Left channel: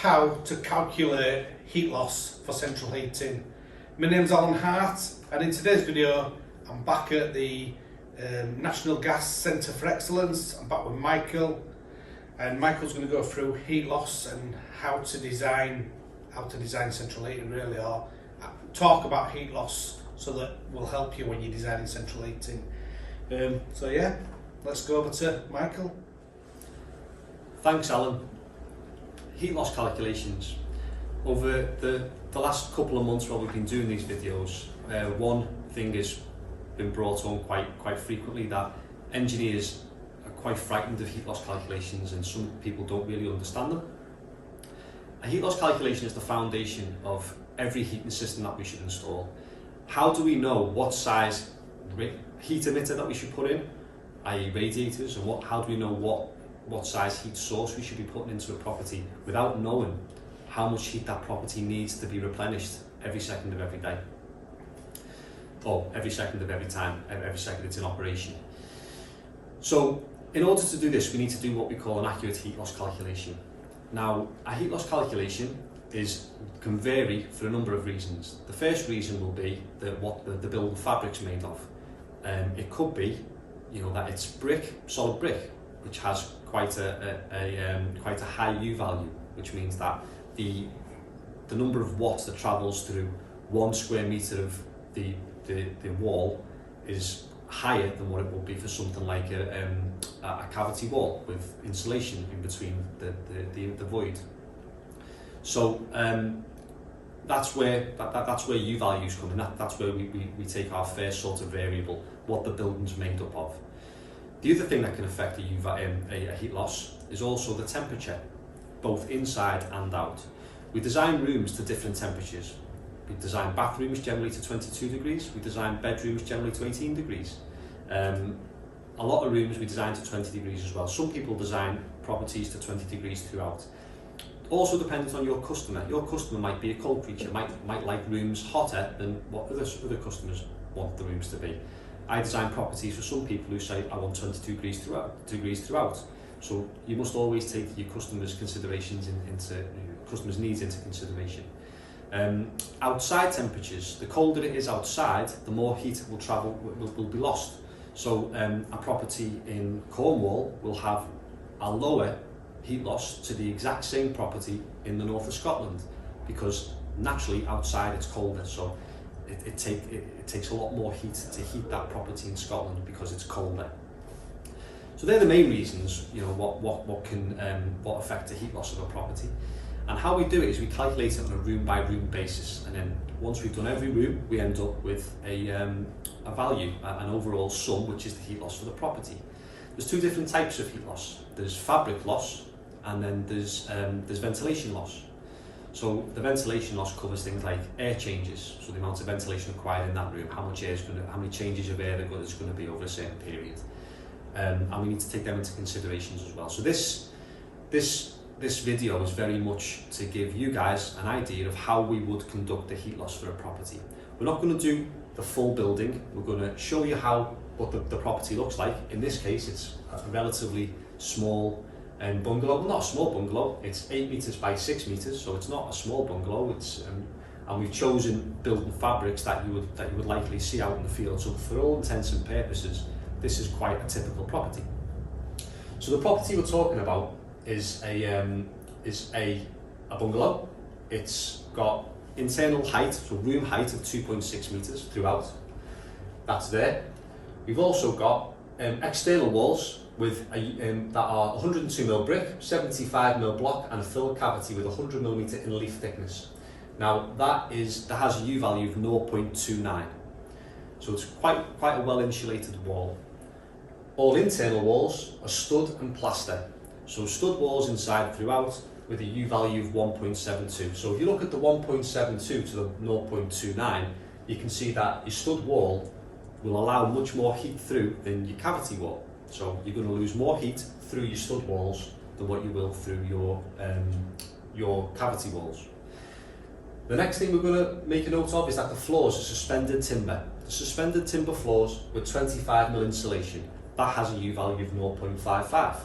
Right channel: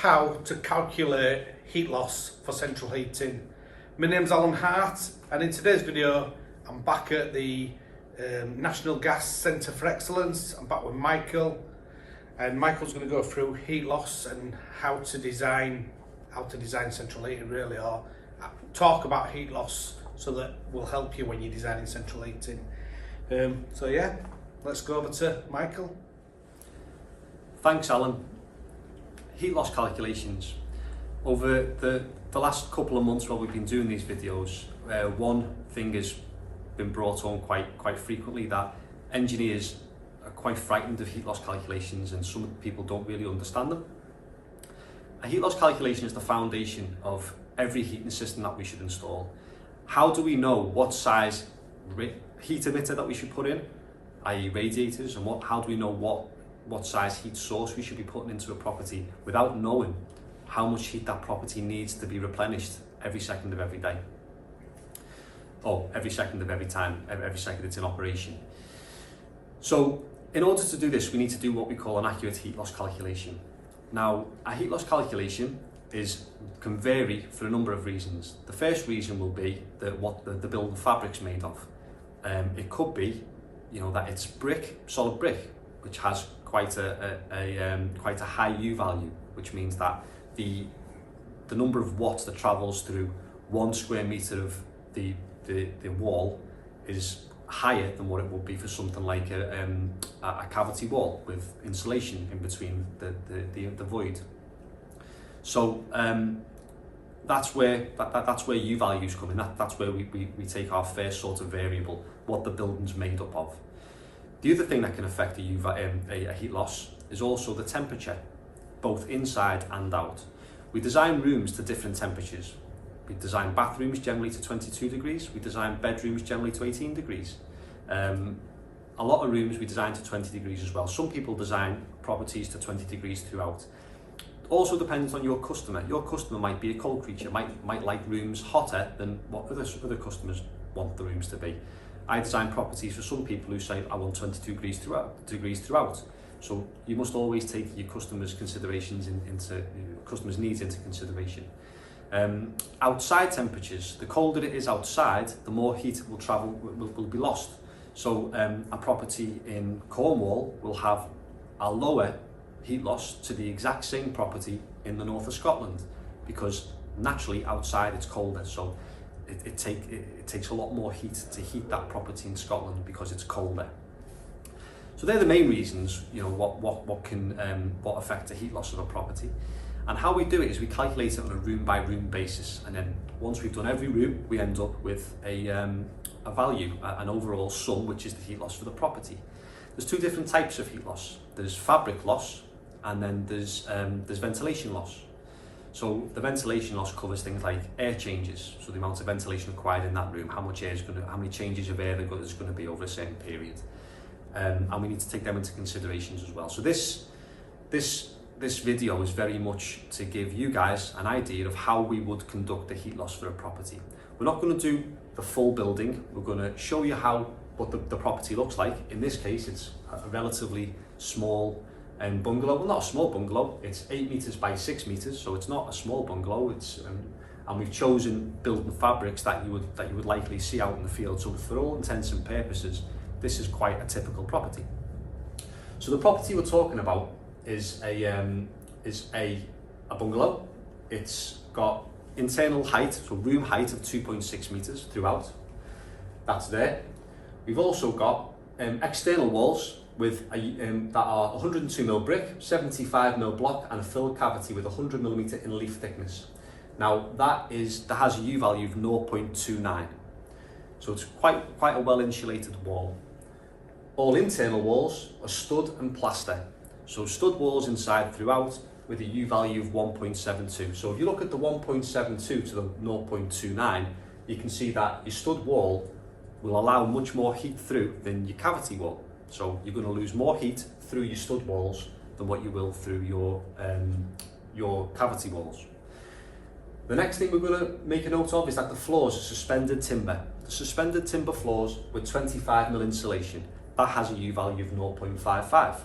how to calculate heat loss for central heating. My name's Alan Hart, and in today's video I'm back at the National Gas Centre for Excellence. I'm back with Michael, and Michael's going to go through heat loss and how to design central heating, really, or talk about heat loss, so that will help you when you're designing central heating. So yeah, let's go over to Michael. Thanks, Alan. Heat loss calculations. Over the last couple of months while we've been doing these videos, one thing has been brought on quite frequently, that engineers are quite frightened of heat loss calculations, and some people don't really understand them. A heat loss calculation is the foundation of every heating system that we should install. How do we know what size heat emitter that we should put in, i.e. radiators, and how do we know what size heat source we should be putting into a property without knowing how much heat that property needs to be replenished every second of every day, or every second of every time, every second it's in operation? So in order to do this, we need to do what we call an accurate heat loss calculation. Now, a heat loss calculation can vary for a number of reasons. The first reason will be what the building fabric's made of. It could be, that it's solid brick, which has quite a high U value, which means that the number of watts that travels through 1 square metre of the wall is higher than what it would be for something like a cavity wall with insulation in between the void. So that's where U values come in. That's where we take our first sort of variable, what the building's made up of. The other thing that can affect a heat loss is also the temperature, both inside and out. We design rooms to different temperatures. We design bathrooms generally to 22 degrees. We design bedrooms generally to 18 degrees. A lot of rooms we design to 20 degrees as well. Some people design properties to 20 degrees throughout. Also depends on your customer. Your customer might be a cold creature, might like rooms hotter than what other customers want the rooms to be. I design properties for some people who say I want 22 degrees throughout. So you must always take your customers' needs into consideration. Outside temperatures, the colder it is outside, the more heat will be lost. So a property in Cornwall will have a lower heat loss to the exact same property in the north of Scotland, because naturally outside it's colder, so it takes a lot more heat to heat that property in Scotland because it's colder. So they're the main reasons, what affect the heat loss of a property. And how we do it is we calculate it on a room by room basis, and then once we've done every room, we end up with a value, an overall sum, which is the heat loss for the property. There's two different types of heat loss. There's fabric loss, and then there's ventilation loss. So the ventilation loss covers things like air changes, so the amount of ventilation required in that room, how many changes of air there's going to be over a certain period, and we need to take them into considerations as well. So this video is very much to give you guys an idea of how we would conduct the heat loss for a property. We're not going to do the full building. We're going to show you what the property looks like. In this case, it's a relatively small bungalow. Well, not a small bungalow. It's 8 metres by 6 metres, so it's not a small bungalow. And we've chosen building fabrics that you would likely see out in the field. So for all intents and purposes, this is quite a typical property. So the property we're talking about is a bungalow. It's got internal height, so room height of 2.6 metres throughout. That's there. We've also got external walls with that are 102mm brick, 75mm block, and a filled cavity with 100mm in leaf thickness. Now that has a U value of 0.29, so it's quite a well insulated wall. All internal walls are stud and plaster. So stud walls inside throughout with a U value of 1.72. So if you look at the 1.72 to the 0.29, you can see that your stud wall will allow much more heat through than your cavity wall. So you're going to lose more heat through your stud walls than what you will through your cavity walls. The next thing we're going to make a note of is that the floors are suspended timber. The suspended timber floors with 25mm insulation, that has a U value of 0.55.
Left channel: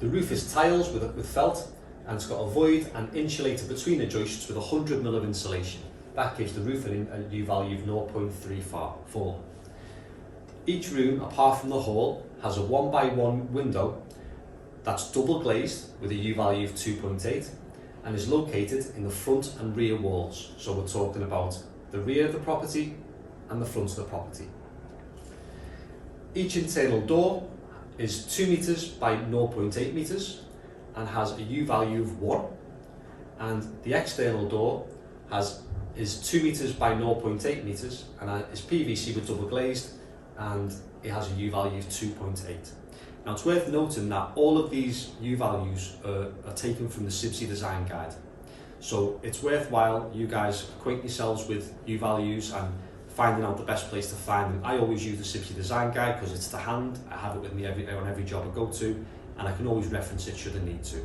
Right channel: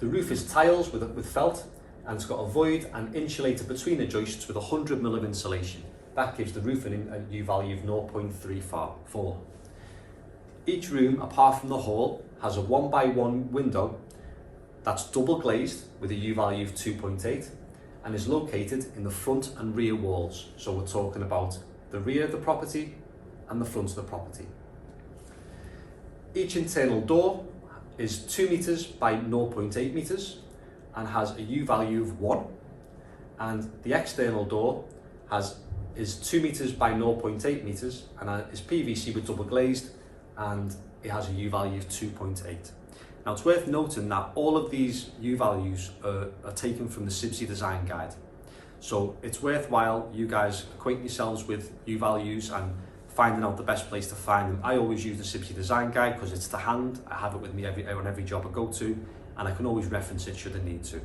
The roof is tiles with felt, and it's got a void and insulator between the joists with 100mm of insulation. That gives the roof a U value of 0.34. Each room, apart from the hall, has a 1x1 window that's double glazed with a U value of 2.8 and is located in the front and rear walls. So we're talking about the rear of the property and the front of the property. Each internal door is 2 metres by 0.8 metres and has a U value of 1, and the external door is 2 metres by 0.8 metres and is PVC with double glazed, and it has a U value of 2.8. Now it's worth noting that all of these U values are taken from the CIBSE design guide. So it's worthwhile you guys acquaint yourselves with U values and finding out the best place to find them. I always use the CIBSE design guide because it's to hand. I have it with me on every job I go to, and I can always reference it should I need to.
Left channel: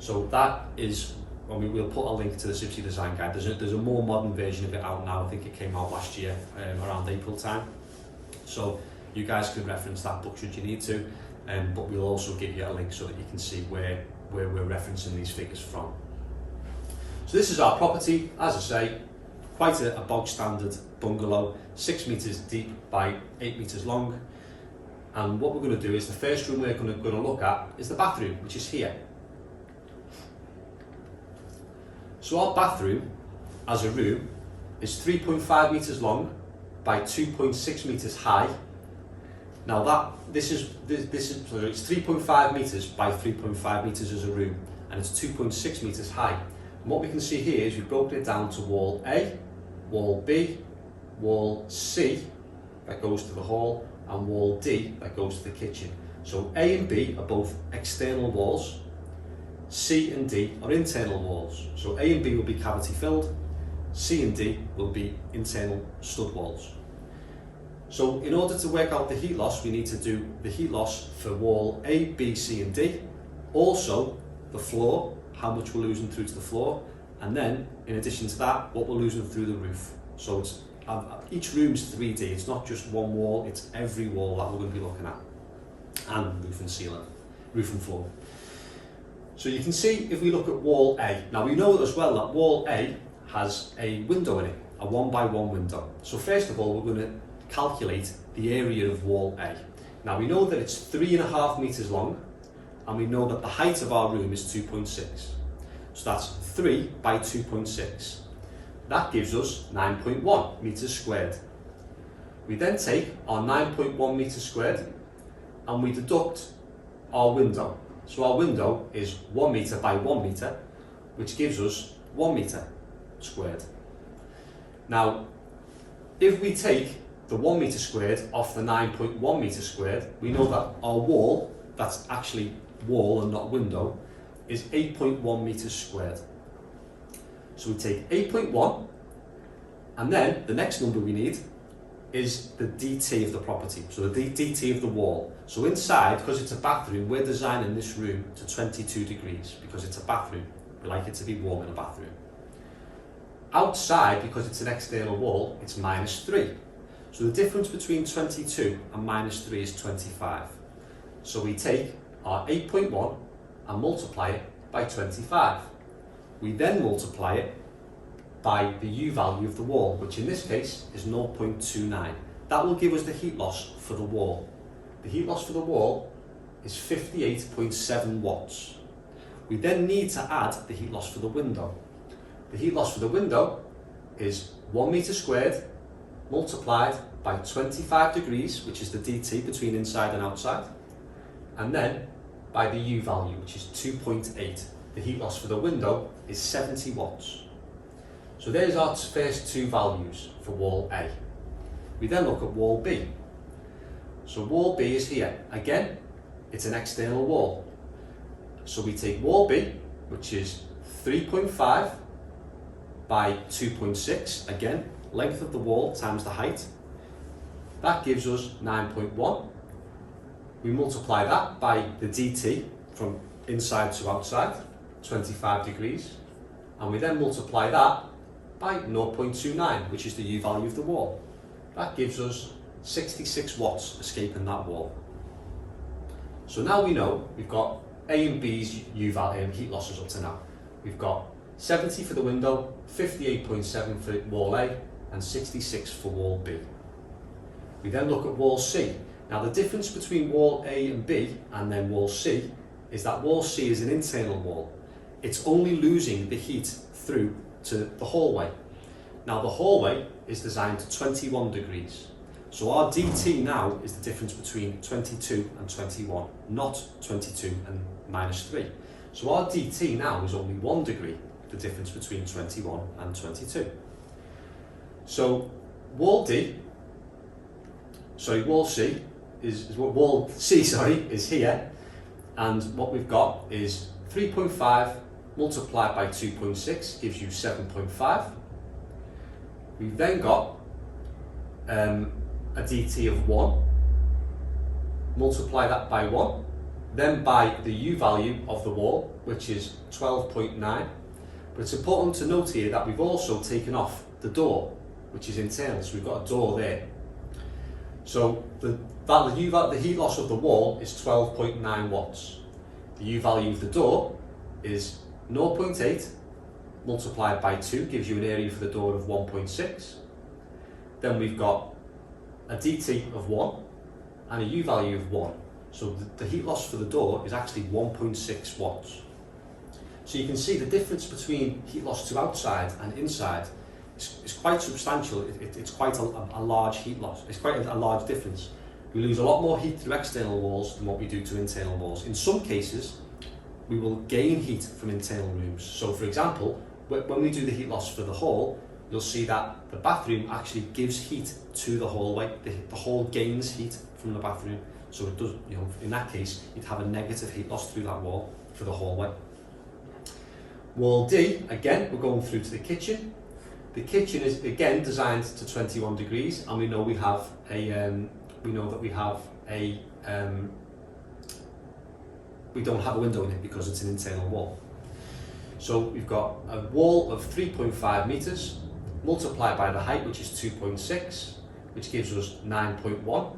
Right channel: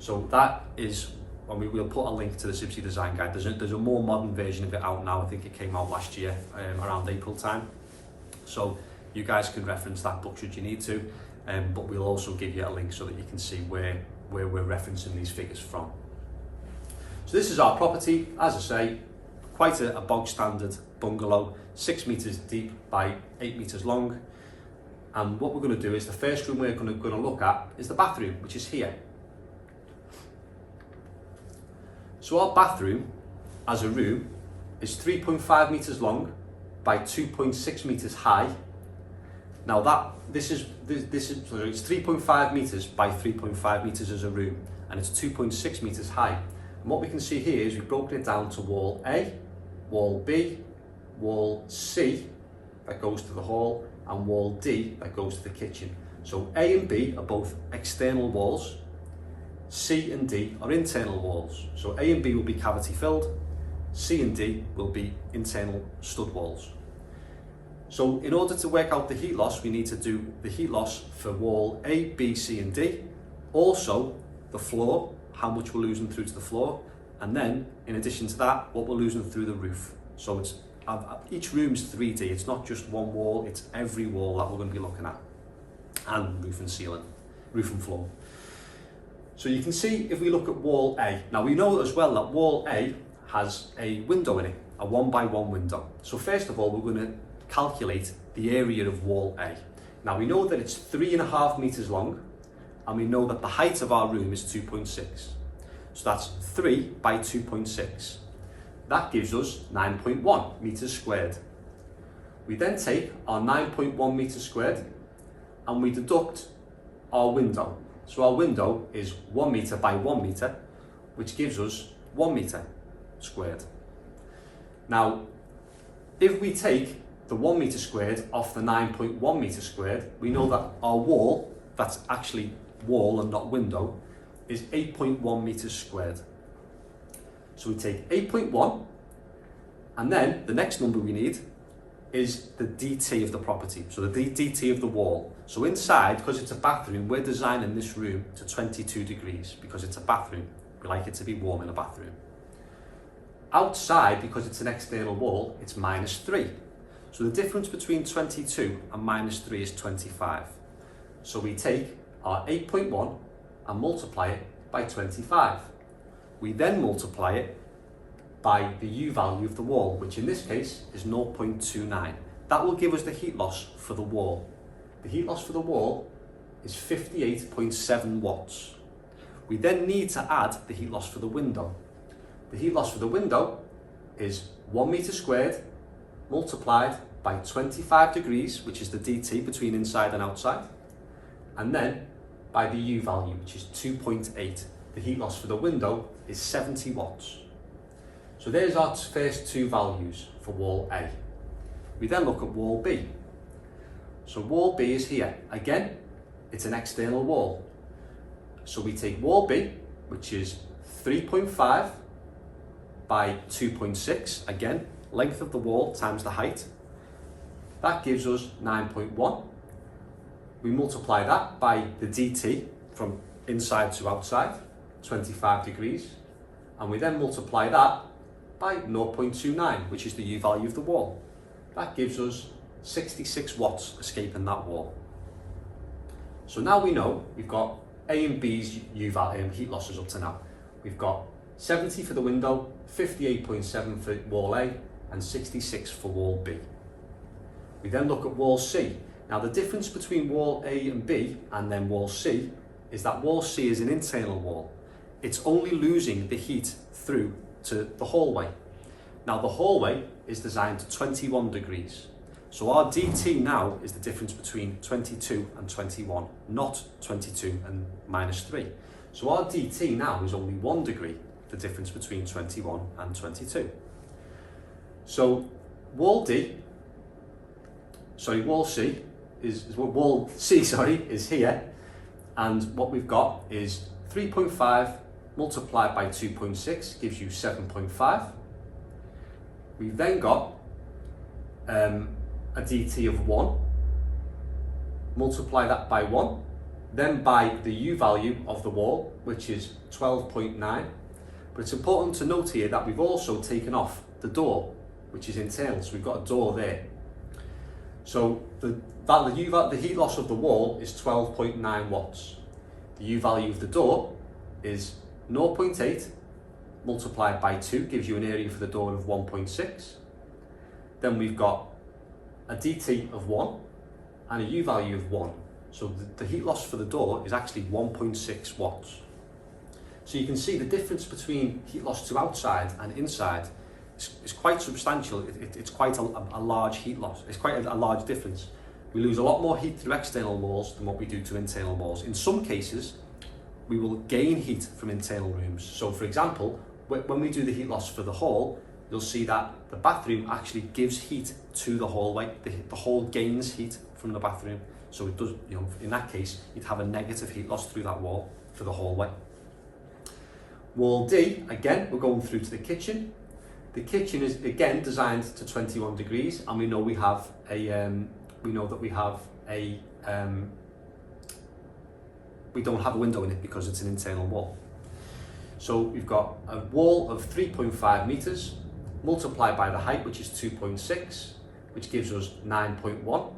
So that is, we'll put a link to the CIBSE design guide. There's a more modern version of it out now. I think it came out last year around April time. So you guys can reference that book should you need to, but we'll also give you a link so that you can see where we're referencing these figures from. So this is our property, as I say, quite a bog standard bungalow, 6 metres deep by 8 metres long. And what we're going to do is the first room we're going to look at is the bathroom, which is here. So our bathroom as a room is 3.5 metres long by 2.6 metres high. Now this is it's 3.5 metres by 3.5 metres as a room, and it's 2.6 metres high. And what we can see here is we've broken it down to wall A, wall B, wall C that goes to the hall, and wall D that goes to the kitchen. So A and B are both external walls, C and D are internal walls. So A and B will be cavity filled, C and D will be internal stud walls. So in order to work out the heat loss, we need to do the heat loss for wall A, B, C and D, also the floor, how much we're losing through to the floor, and then in addition to that, what we're losing through the roof. So it's each room's 3D, it's not just one wall, it's every wall that we're going to be looking at, and roof and ceiling, roof and floor. So you can see if we look at wall A, now we know as well that wall A has a window in it, a 1x1 window. So first of all, we're going to calculate the area of wall A. Now we know that it's 3.5 metres long, and we know that the height of our room is 2.6. So that's 3 by 2.6. That gives us 9.1 metres squared. We then take our 9.1 metres squared and we deduct our window. So our window is 1 metre by 1 metre, which gives us 1 metre squared. Now, if we take the 1 metre squared off the 9.1 metre squared, we know that our wall, that's actually wall and not window, is 8.1 metres squared. So we take 8.1, and then the next number we need is the DT of the property, so the DT of the wall. So inside, because it's a bathroom, we're designing this room to 22 degrees because it's a bathroom. We like it to be warm in a bathroom. Outside, because it's an external wall, it's -3. So the difference between 22 and -3 is 25. So we take our 8.1 and multiply it by 25. We then multiply it by the U value of the wall, which in this case is 0.29. That will give us the heat loss for the wall. The heat loss for the wall is 58.7 watts. We then need to add the heat loss for the window. The heat loss for the window is 1 metre squared multiplied by 25 degrees, which is the DT between inside and outside, and then by the U value, which is 2.8. The heat loss for the window is 70 watts. So there's our first two values for wall A. We then look at wall B. So wall B is here. Again, it's an external wall. So we take wall B, which is 3.5 by 2.6, again, length of the wall times the height. That gives us 9.1. We multiply that by the DT from inside to outside, 25 degrees, and we then multiply that by 0.29, which is the U value of the wall. That gives us 66 watts escaping that wall. So now we know we've got A and B's heat losses up to now. We've got 70 for the window, 58.7 for wall A, and 66 for wall B. We then look at wall C. Now the difference between wall A and B and then wall C is that wall C is an internal wall. It's only losing the heat through to the hallway. Now the hallway is designed to 21 degrees. So our DT now is the difference between 22 and 21, not 22 and -3. So our DT now is only 1 degree, the difference between 21 and 22. So wall C is here, and what we've got is 3.5 multiplied by 2.6 gives you 7.5. We've then got a DT of 1, multiply that by 1, then by the U value of the wall, which is 12.9. But it's important to note here that we've also taken off the door, which is internal, so we've got a door there. So the heat loss of the wall is 12.9 watts. The U value of the door is 0.8 multiplied by 2 gives you an area for the door of 1.6. Then we've got a DT of 1 and a U value of 1. So the heat loss for the door is actually 1.6 watts. So you can see the difference between heat loss to outside and inside is quite substantial. It's quite a large heat loss. It's quite a large difference. We lose a lot more heat through external walls than what we do to internal walls. In some cases, we will gain heat from internal rooms. So for example, when we do the heat loss for the hall, you'll see that the bathroom actually gives heat to the hallway. The hall gains heat from the bathroom. So it does, in that case, you'd have a negative heat loss through that wall for the hallway. Wall D, again, we're going through to the kitchen. The kitchen is again designed to 21 degrees, and we know we have we don't have a window in it because it's an internal wall. So we've got a wall of 3.5 meters multiplied by the height, which is 2.6, which gives us 9.1.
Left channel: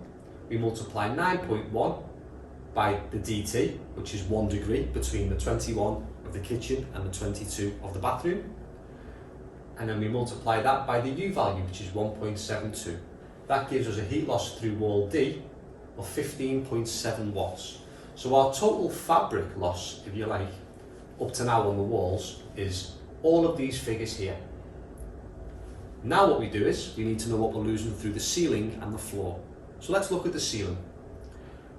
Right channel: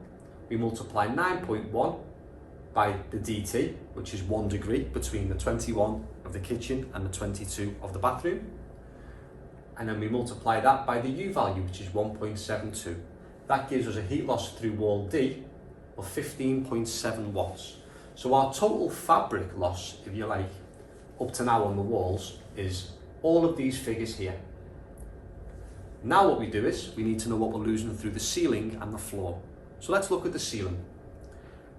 We multiply 9.1 by the DT, which is 1 degree between the 21 of the kitchen and the 22 of the bathroom. And then we multiply that by the U value, which is 1.72. That gives us a heat loss through wall D of 15.7 watts. So our total fabric loss, if you like, up to now on the walls is all of these figures here. Now what we do is we need to know what we're losing through the ceiling and the floor. So let's look at the ceiling.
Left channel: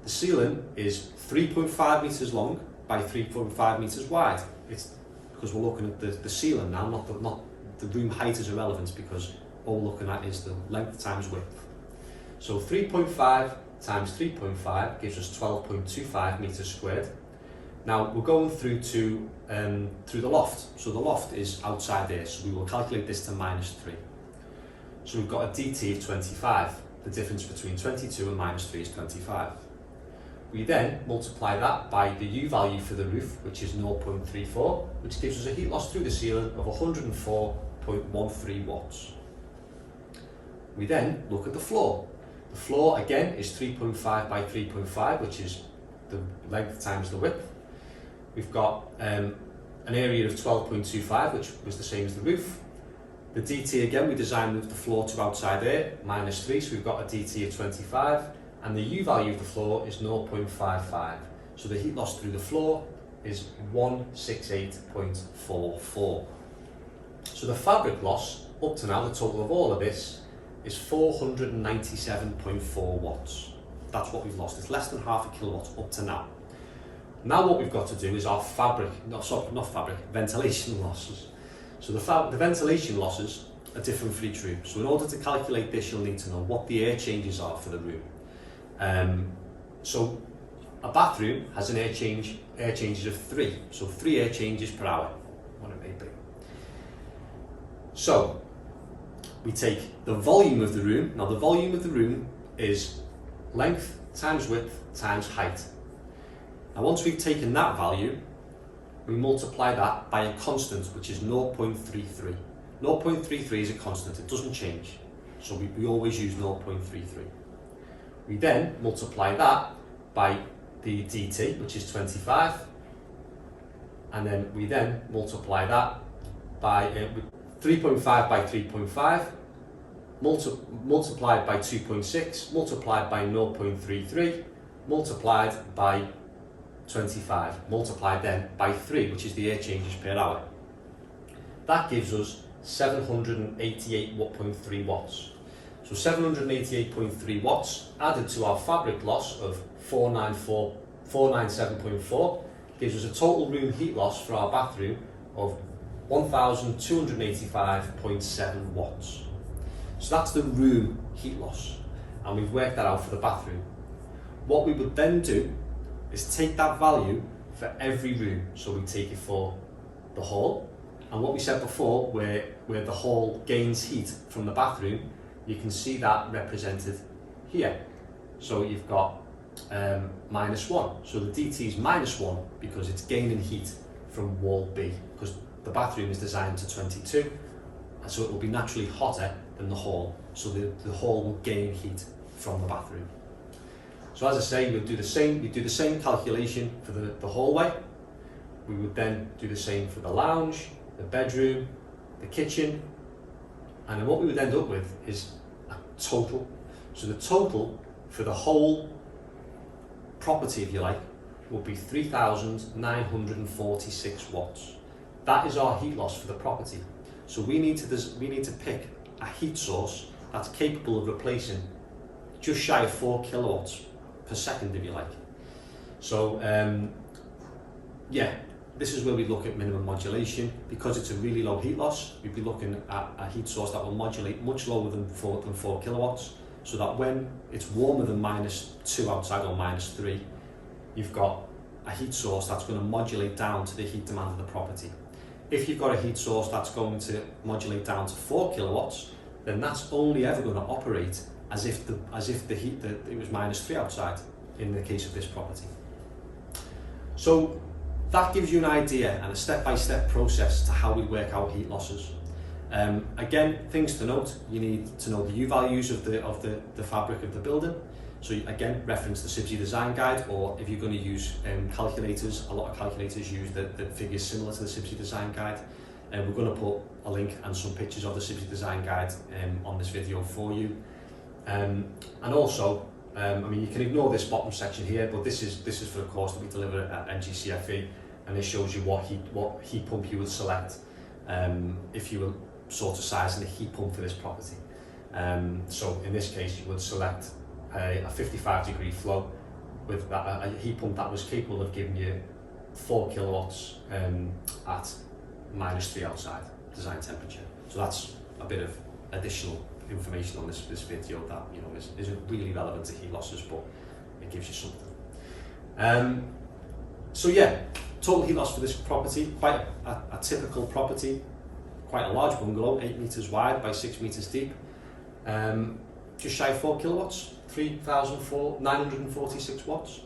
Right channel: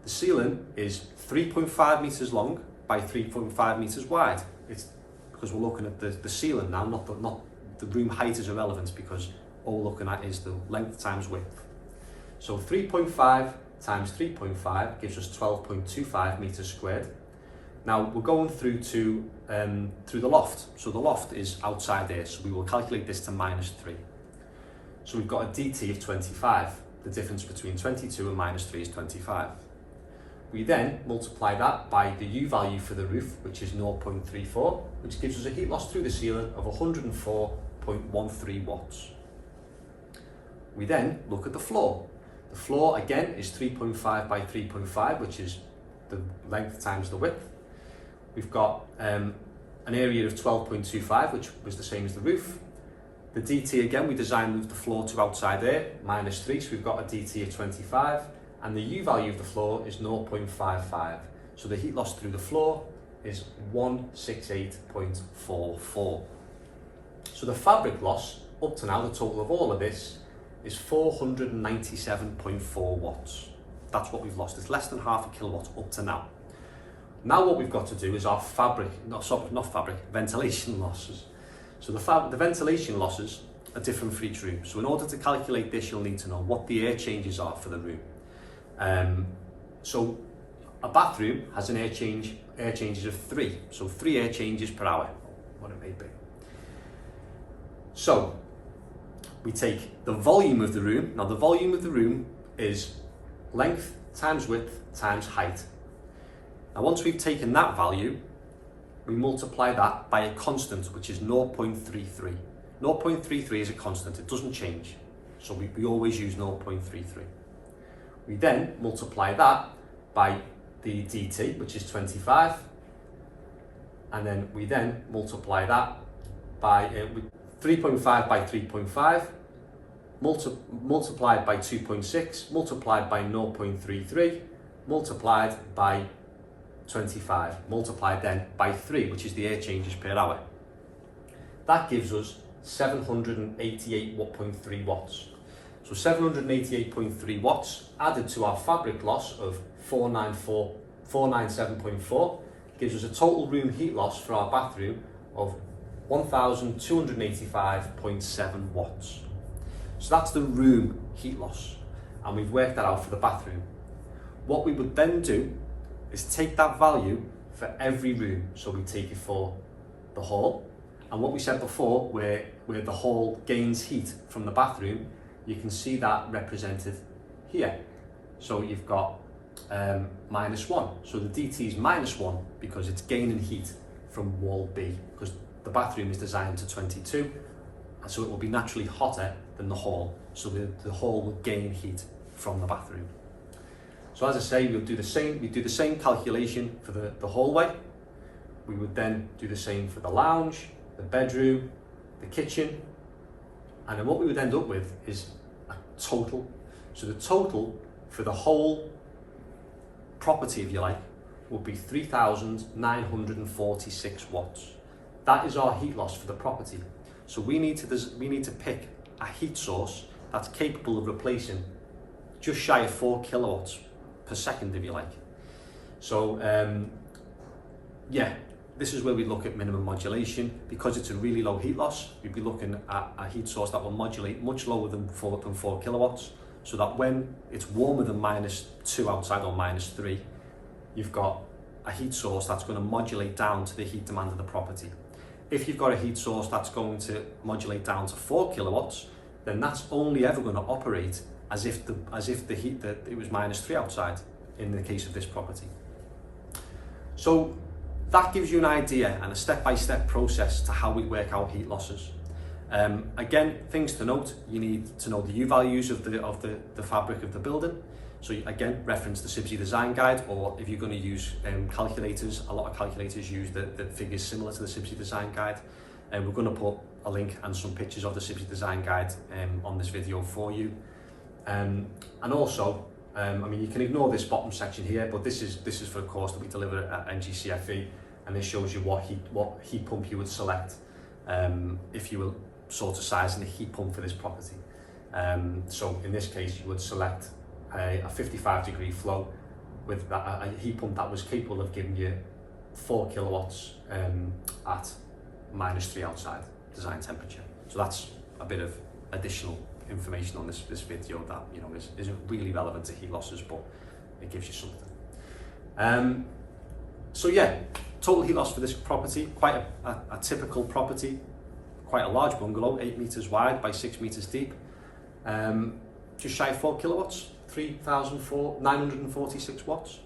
The ceiling is 3.5 meters long by 3.5 meters wide. It's because we're looking at the ceiling now, not the room height is irrelevant, because all we're looking at is the length times width. So 3.5 times 3.5 gives us 12.25 meters squared. Now we're going through to through the loft. So the loft is outside there, so we will calculate this to -3. So we've got a DT of 25. The difference between 22 and -3 is 25. We then multiply that by the U value for the roof, which is 0.34, which gives us a heat loss through the ceiling of 104.13 watts. We then look at the floor. The floor again is 3.5 by 3.5, which is the length times the width. We've got an area of 12.25, which was the same as the roof. The DT again, we designed with the floor to outside air, -3, so we've got a DT of 25, and the U value of the floor is 0.55. So the heat loss through the floor is 168.44. So the fabric loss, up to now, the total of all of this, is 497.4 watts. That's what we've lost. It's less than half a kilowatt up to now. Now what we've got to do is our ventilation losses. So the ventilation losses are different for each room. So in order to calculate this, you'll need to know what the air changes are for the room. So a bathroom has an air changes of 3. So 3 air changes per hour, what it may be. So we take the volume of the room. Now the volume of the room is length times width times height. Now once we've taken that value, we multiply that by a constant, which is 0.33. 0.33 is a constant, it doesn't change. So we always use 0.33. We then multiply that by the DT, which is 25, and then we then multiply that by 3.5 by 3.5, multiplied by 2.6, multiplied by 0.33, multiplied by 25, multiplied then by 3, which is the air changes per hour. That gives us 788.3 watts. So 788.3 watts added to our fabric loss of 497.4 gives us a total room heat loss for our bathroom of 1,285.7 watts. So that's the room heat loss, and we've worked that out for the bathroom. What we would then do is take that value for every room. So we take it for the hall, and what we said before, where the hall gains heat from the bathroom, you can see that represented here. So you've got -1. So the DT is -1 because it's gaining heat from wall B, because the bathroom is designed to 22, and so it will be naturally hotter than the hall. So the hall will gain heat from the bathroom. So as I say, we'll do the same. We do the same calculation for the hallway. We would then do the same for the lounge, the bedroom, the kitchen, and then what we would end up with is a total. So the total for the whole property, if you like, would be 3,946 watts. That is our heat loss for the property. So we need to pick a heat source that's capable of replacing just shy of 4 kilowatts per second, if you like. So yeah, this is where we look at minimum modulation. Because it's a really low heat loss, we'd be looking at a heat source that will modulate much lower than 4 kilowatts, so that when it's warmer than -2 outside or -3, you've got a heat source that's going to modulate down to the heat demand of the property. If you've got a heat source that's going to modulate down to 4 kilowatts, then that's only ever going to operate as if it was -3 outside in the case of this property. So that gives you an idea and a step-by-step process to how we work out heat losses. Again, things to note: you need to know the U values of the fabric of the building. So again, reference the CIBSE design guide, or if you're going to use calculators, a lot of calculators use the figures similar to the CIBSE design guide. And we're going to put a link and some pictures of the CIBSE design guide on this video for you. And also, I mean, you can ignore this bottom section here, but this is for a course that we deliver at NGCFE, and it shows you what heat pump you would select if you were sort of sizing a heat pump for this property. So in this case, you would select a 55-degree flow with a heat pump that was capable of giving you 4 kilowatts at -3 outside design temperature. So that's a bit of additional information on this video that, you know, isn't really relevant to heat losses, but it gives you something. So yeah, total heat loss for this property, quite a typical property, quite a large bungalow, 8 meters wide by 6 meters deep, just shy of 4 kilowatts, 3,946 watts.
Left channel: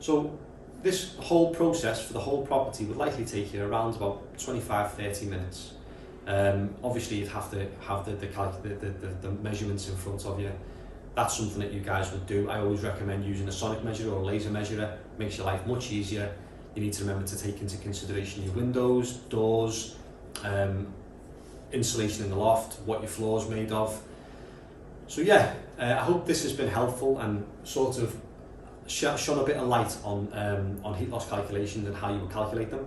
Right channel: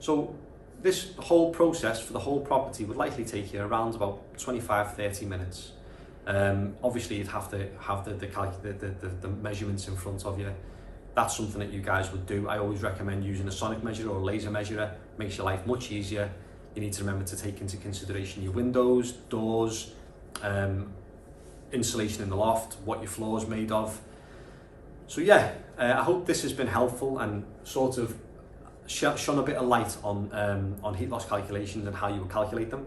So this whole process for the whole property would likely take you around about 25-30 minutes. Obviously you'd have to have the measurements in front of you. That's something that you guys would do. I always recommend using a sonic measurer or a laser measurer. Makes your life much easier. You need to remember to take into consideration your windows, doors, insulation in the loft, what your floor is made of. So yeah, I hope this has been helpful and sort of shone a bit of light on heat loss calculations and how you would calculate them.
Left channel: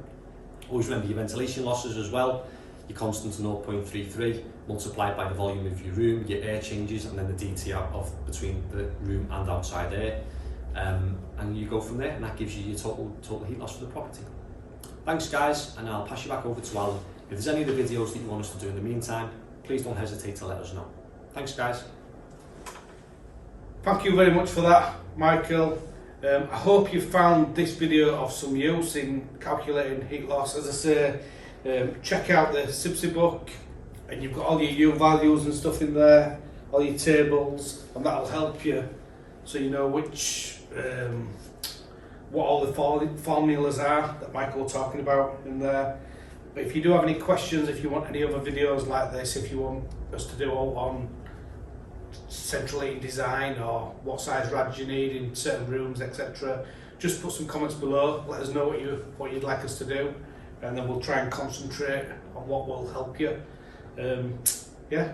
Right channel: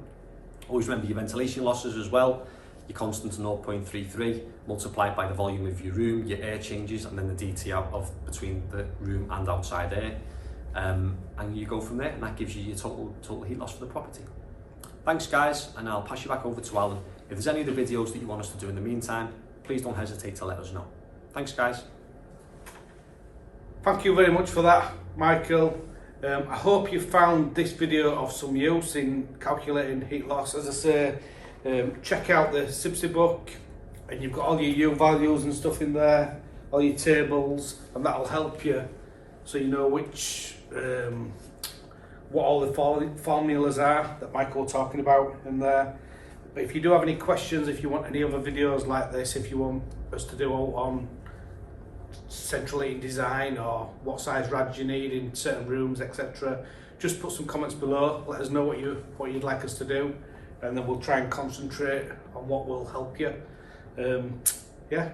Always remember your ventilation losses as well. Your constant 0.33 multiplied by the volume of your room, your air changes, and then the DT out of between the room and outside air. And you go from there, and that gives you your total heat loss for the property. Thanks guys, and I'll pass you back over to Alan. If there's any other videos that you want us to do in the meantime, please don't hesitate to let us know. Thanks guys. Thank you very much for that, Michael. I hope you found this video of some use in calculating heat loss. As I say, check out the CIBSE book, and you've got all your U values and stuff in there, all your tables, and that'll help you so you know what all the formulas are that Michael was talking about in there. But if you do have any questions, if you want any other videos like this, if you want us to do on central heating design or what size rads you need in certain rooms, etc., just put some comments below. Let us know what you'd like us to do. and then we'll try and concentrate on what will help you. Yeah,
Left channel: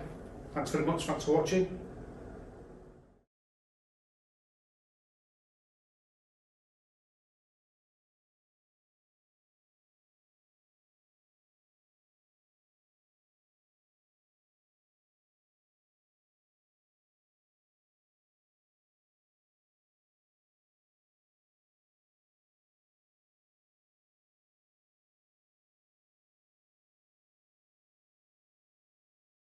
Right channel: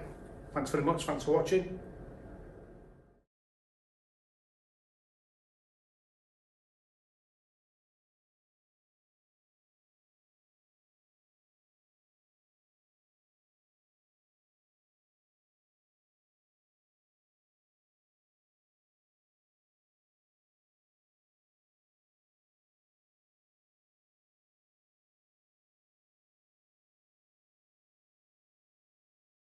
thanks very much, thanks for watching.